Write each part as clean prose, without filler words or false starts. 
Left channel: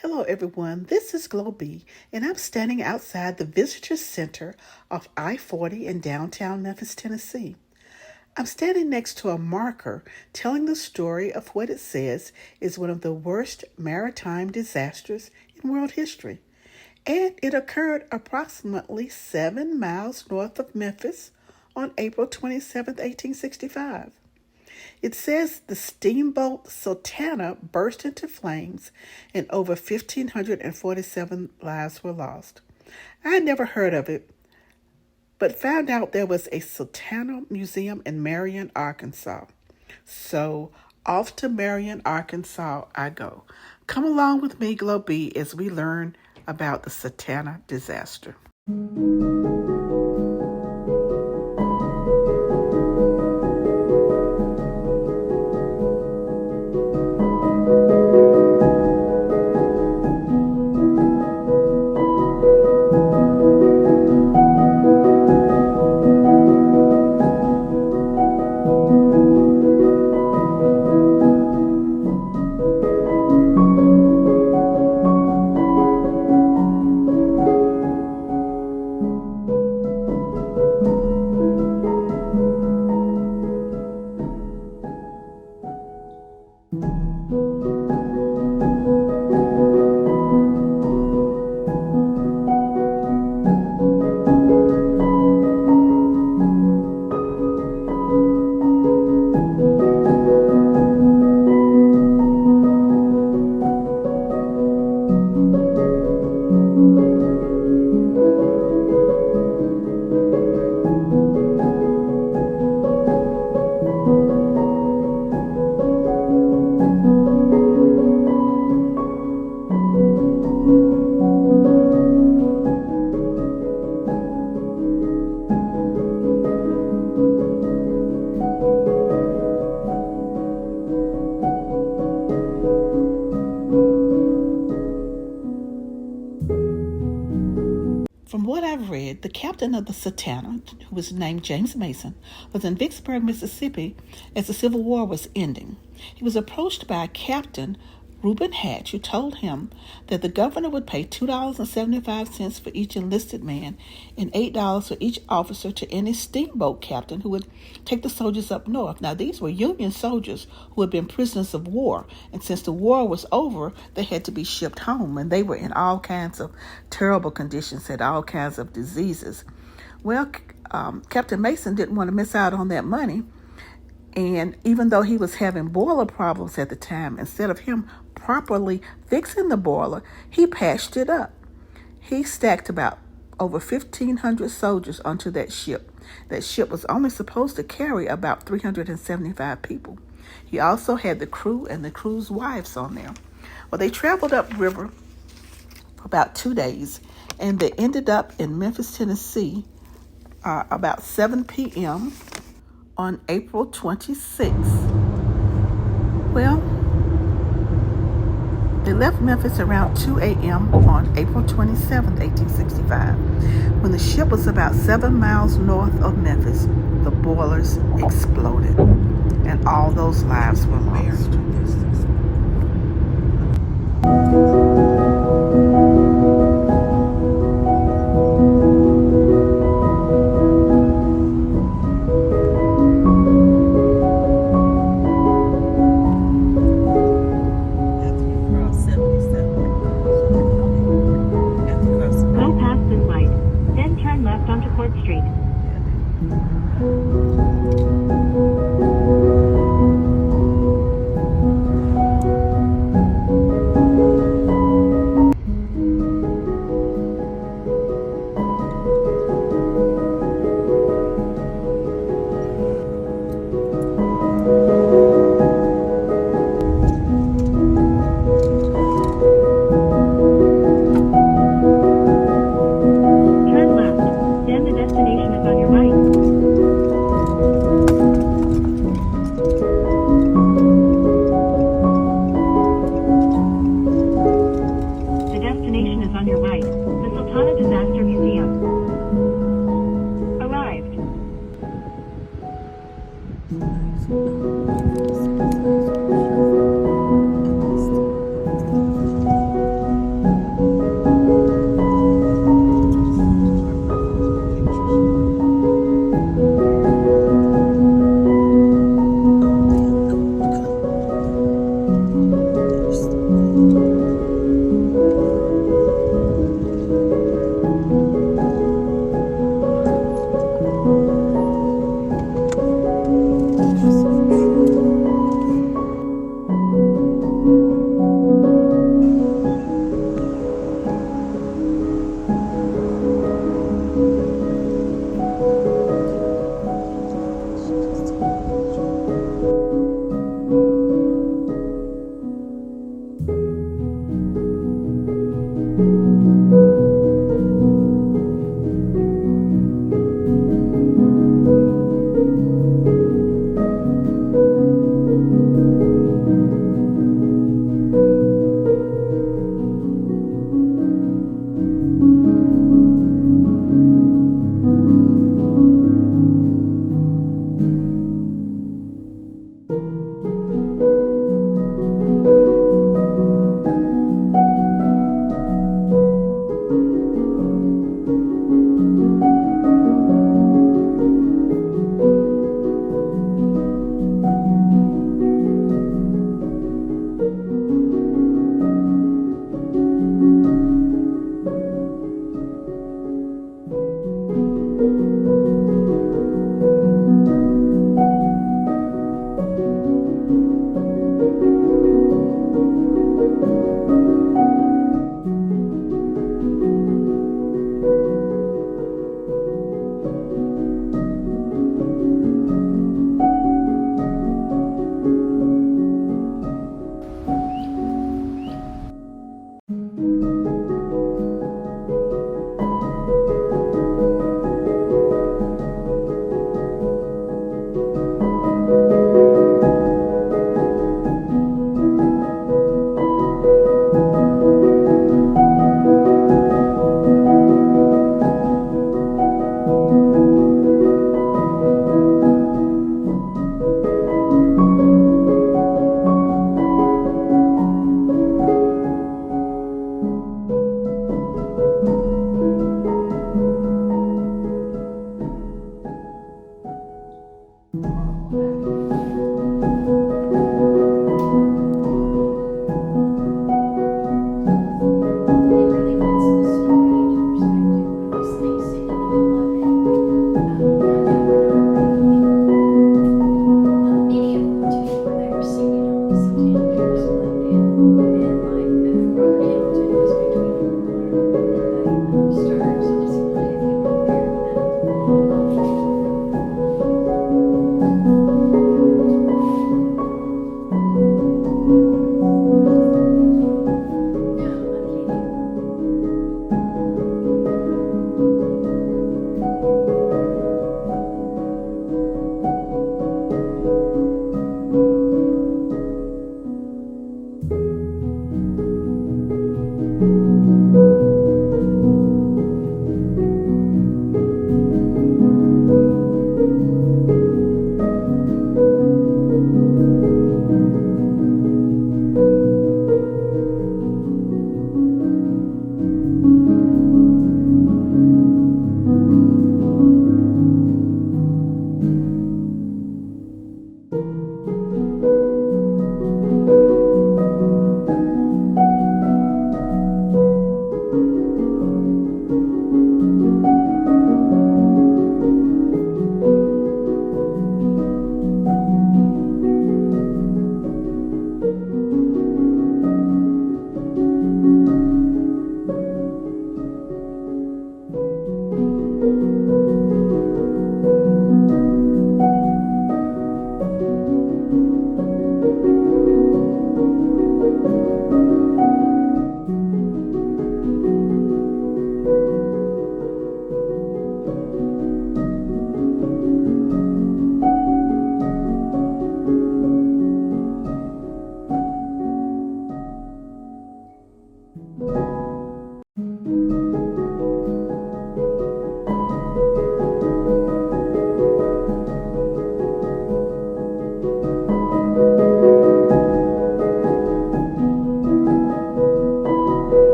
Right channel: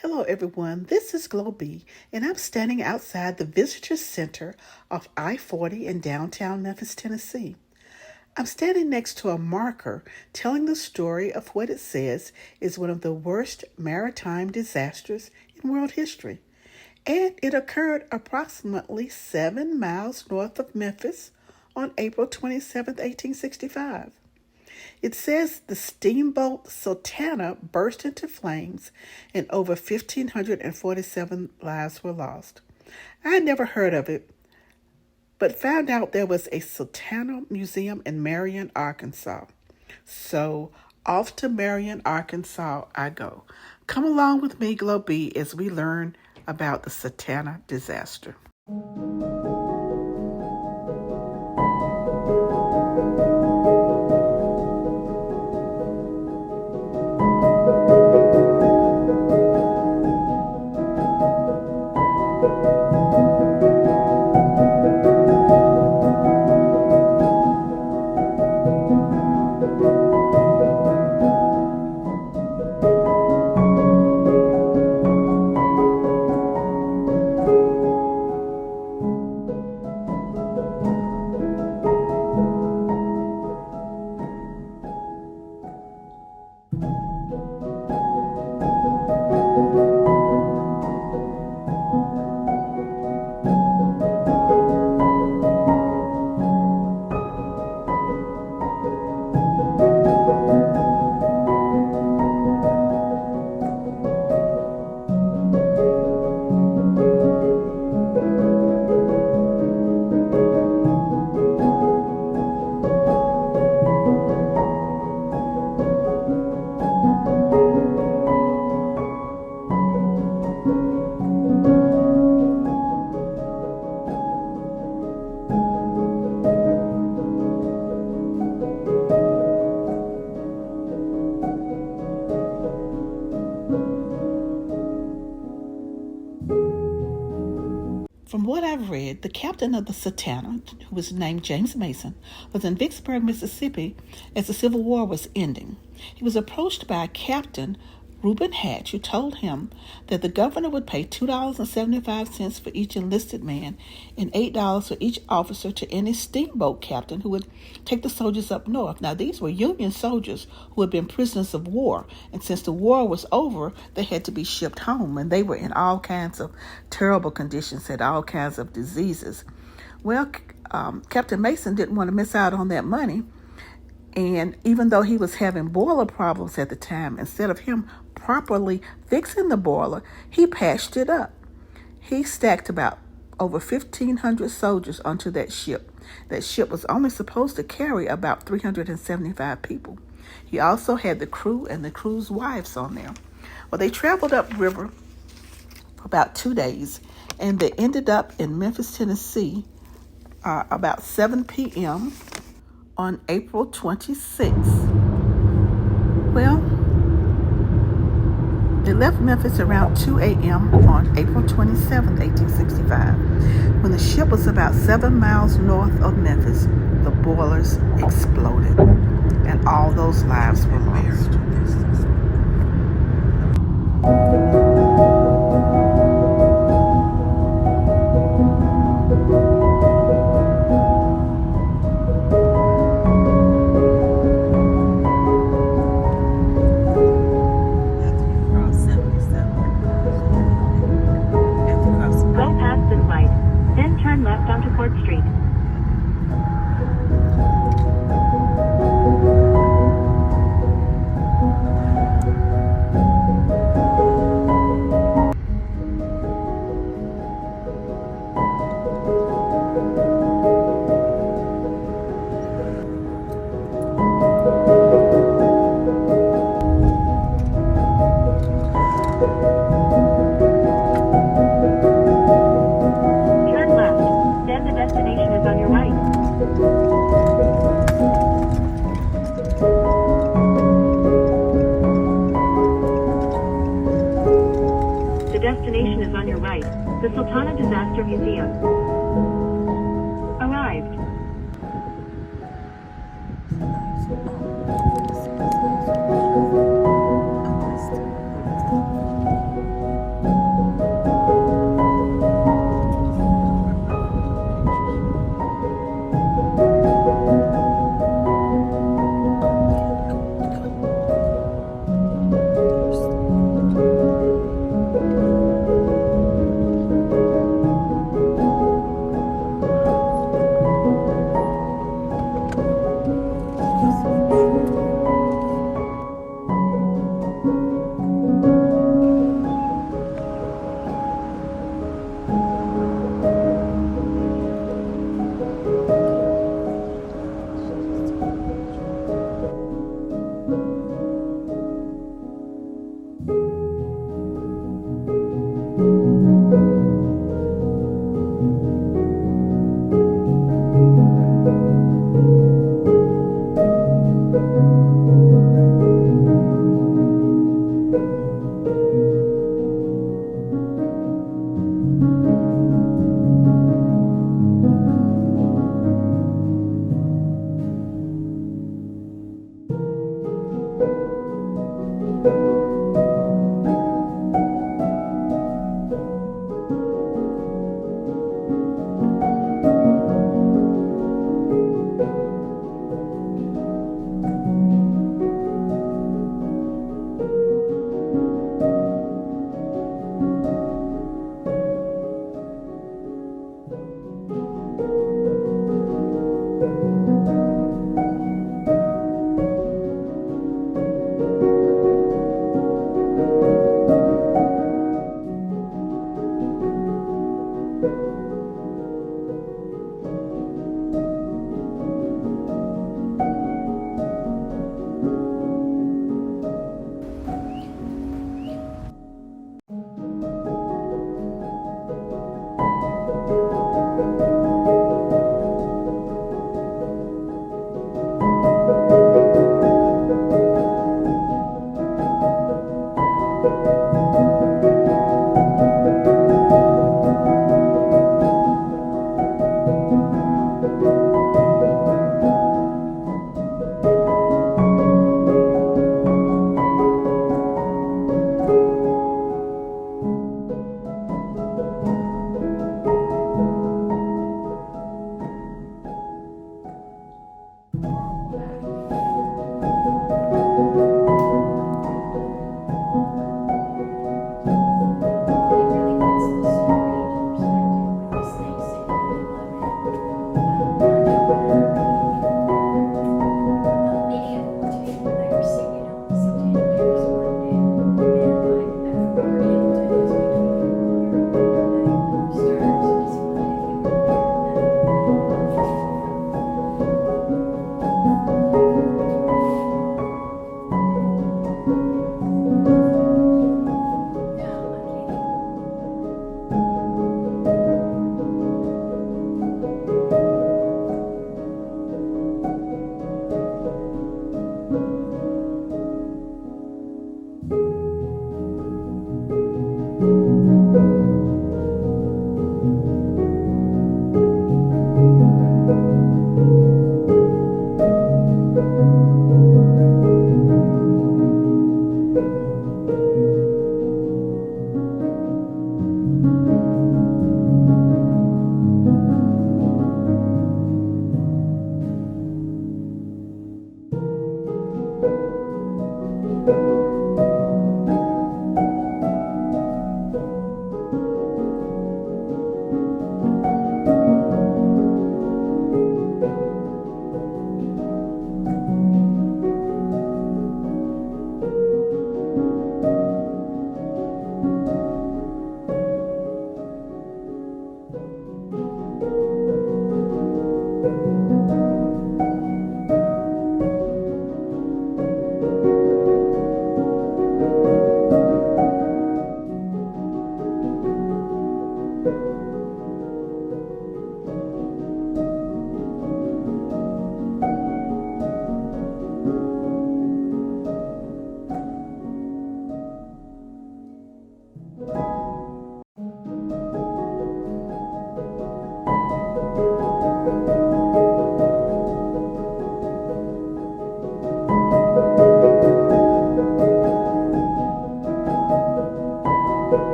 Hello, everyone. This is Glo B, and I'm standing outside the Visitor Center of I-40 in downtown Memphis, Tennessee. I'm standing next to a marker telling the story of what it says is one of the worst maritime disasters in world history. And it occurred approximately 7 miles north of Memphis on April 27, 1865. It says the steamboat Sultana burst into flames and over 1,547 lives were lost. I had never heard of it, but found out there was a Sultana Museum in Marion, Arkansas. So off to Marion, Arkansas I go. Come along with me, Glo B, as we learn about the Sultana disaster. From what I've read, the captain of the Sultana, who was named James Mason, was in Vicksburg, Mississippi as the Civil War was ending. He was approached by Captain Reuben Hatch, who told him that the governor would pay $2.75 for each enlisted man and $8 for each officer to any steamboat captain who would take the soldiers up north. Now, these were Union soldiers who had been prisoners of war, and since the war was over, they had to be shipped home, and they were in all kinds of terrible conditions, had all kinds of diseases. Well, Captain Mason didn't want to miss out on that money, and even though he was having boiler problems at the time, instead of him properly fixing the boiler, he patched it up. He stacked about over 1,500 soldiers onto that ship. That ship was only supposed to carry about 375 people. He also had the crew and the crew's wives on there. Well, they traveled upriver for about 2 days, and they ended up in Memphis, Tennessee, about 7 p.m. on April 26th. Well, they left Memphis around 2 a.m. on April 27, 1865. When the ship was about 7 miles north of Memphis, the boilers exploded, and all those lives were lost.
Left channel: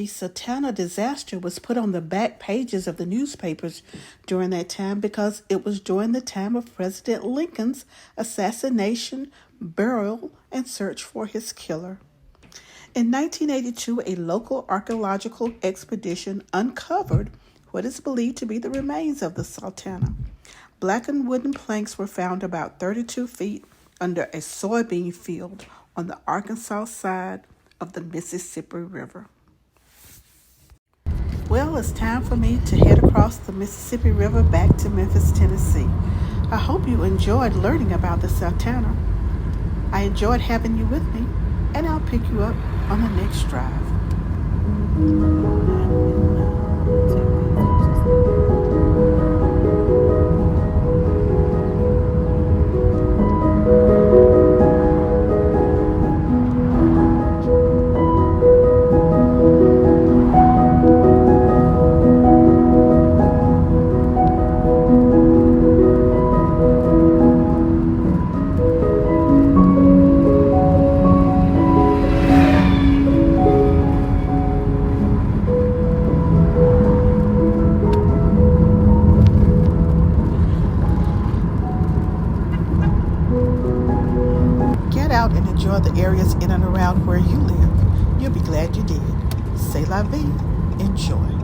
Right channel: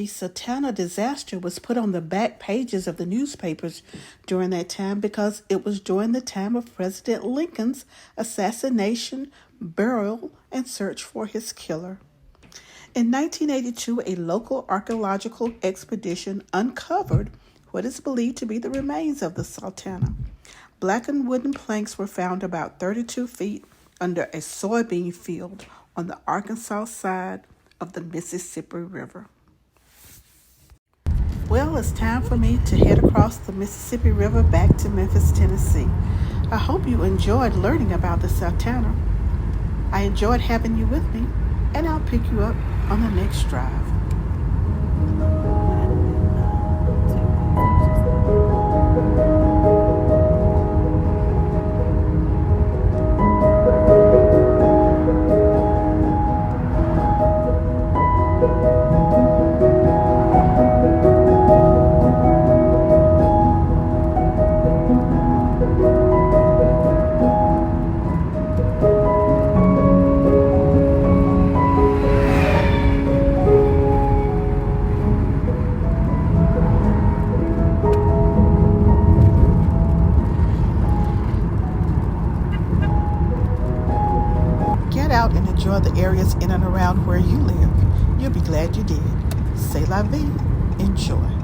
the Sultana disaster was put on the back pages of the newspapers during that time because it was during the time of President Lincoln's assassination, burial, and search for his killer. In 1982, a local archaeological expedition uncovered what is believed to be the remains of the Sultana. Blackened wooden planks were found about 32 feet under a soybean field on the Arkansas side of the Mississippi River. Well, it's time for me to head across the Mississippi River back to Memphis, Tennessee. I hope you enjoyed learning about the Sultana. I enjoyed having you with me, and I'll pick you up on the next drive. Get out and enjoy the areas in and around where you live. You'll be glad you did. C'est la vie. Enjoy.